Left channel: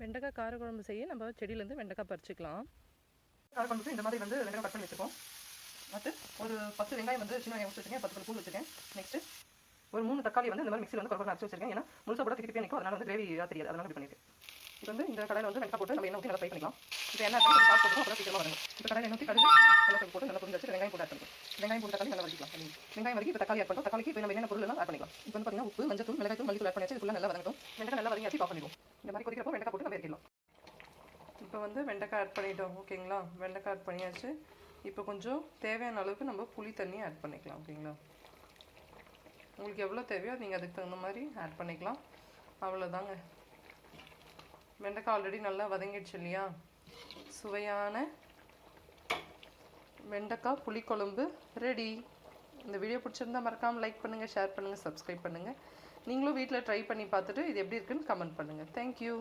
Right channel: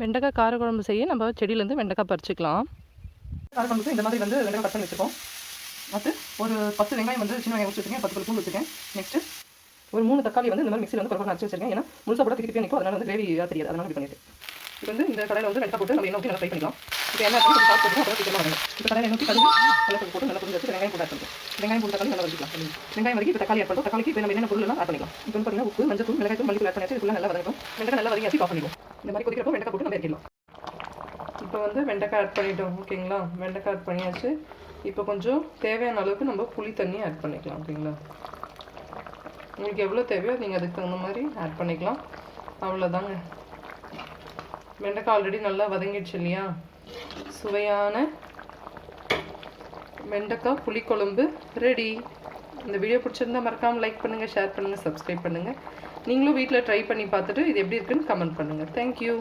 வெண்டைக்காய் காரக்குழம்பு செய்ய நம்ம செடியிலேருந்து வெண்டைக்காய் பறிச்சுக்கலாம். காரக்குழம்புக்கு இந்த மாதிரி வந்து வெண்டைக்காய் கட் பண்ணி வச்சுருக்கோம். அடுத்து ஒரு 10 வெங்காயம் வந்து சின்ன வெங்காயம் வச்சுருக்கேன், 10 பூண்டு வச்சுருக்கேன். நெக்ஸ்ட்டு ஒரு 3 தக்காளி வந்து இந்த மாதிரி மிக்சியில் வந்து பரவாயில்ல அரைச்சி வச்சிருக்கேன். ஏன்னா முழுசாக போட திருப்பி நிற்கும், அதனால் வந்து கிரேவியாக தெரியாது, அதனால் இப்படி பண்ணிட்டு இப்போ வந்து இந்த கடையில் வந்து வெண்டைக்காய் போட்டு நம்ம எண்ணெய் ஊற்றி நல்லா ஃப்ரை பண்ணிக்கலாம். இப்போ எண்ணெய் கொஞ்சம் சாப்பிட்டு போட்டுருவோம், அப்புறம் சீக்கிரமாக வரணும். இப்போ கடையில் எண்ணெய் ஊற்றி கடுகு நல்லா போட்டு நல்லா புரிஞ்சு வச்சு வெங்காயம் போட்டு ஆட் பண்ணுறோம். வெங்காயம் போட்டு தக்காளி நல்லா வதக்கிக்கலாம். வெங்காயம் வதக்கி இப்போ தக்காளி ஆட் பண்ணுறோம். தக்காளிக்கு இப்போ நம்ம என்ன பொருள் எல்லாம் ஆட் பண்ணிக்கலாம். இப்போ வந்து பார்த்தீங்கன்னா உப்பு, மஞ்சள் தூள், மிளகாய் தூள், மல்லித்தூள் ஆட் பண்ணியாச்சு. ஃபுல்லாக நல்லா வதக்கணும். வெண்டைக்காய் நல்லா வதக்கி ஆஃப் பண்ணிடுவோம். இந்த மாதிரி கொதிக்கிறப்போ வெண்டைக்காய் போட்டு நம்ம இறக்கிடலாம். இப்போ வந்து வெண்டைக்காய் ஆட் பண்ணிட்டோம். ஓகேங்களா, வெண்டைக்காய் ஆட் பண்ணியாச்சு. இப்போ கொஞ்சம் தேவையான அளவுக்கு நம்ம புளி தண்ணி ஆட் பண்ணிக்கலாம். ஓகேங்களா, உங்களுக்கு எவ்வளோ தேவையோ நீங்கள் அதுக்கு தகுந்த மாதிரி ஆட் பண்ணிக்கலாம். அவ்வளோதாங்க. வெண்டைக்காய் ஆல்ரெடி நல்லா வதங்கிடுச்சு இல்லையா? சுவையான வெண்டைக்காய் புளிக்குழம்பு ரெடி. இந்த வீடியோ பிடிச்சிருந்தா மறக்காமல் லைக் பண்ணுங்கள், ஷேர் பண்ணுங்கள், சப்ஸ்கிரைப் பண்ணுங்கள். நீங்களும் வீட்டில் ட்ரை பண்ணி பார்த்துட்டு இது எப்படி இருக்குன்னு கமெண்ட் பண்ணுங்கள். தேங்க்யூ.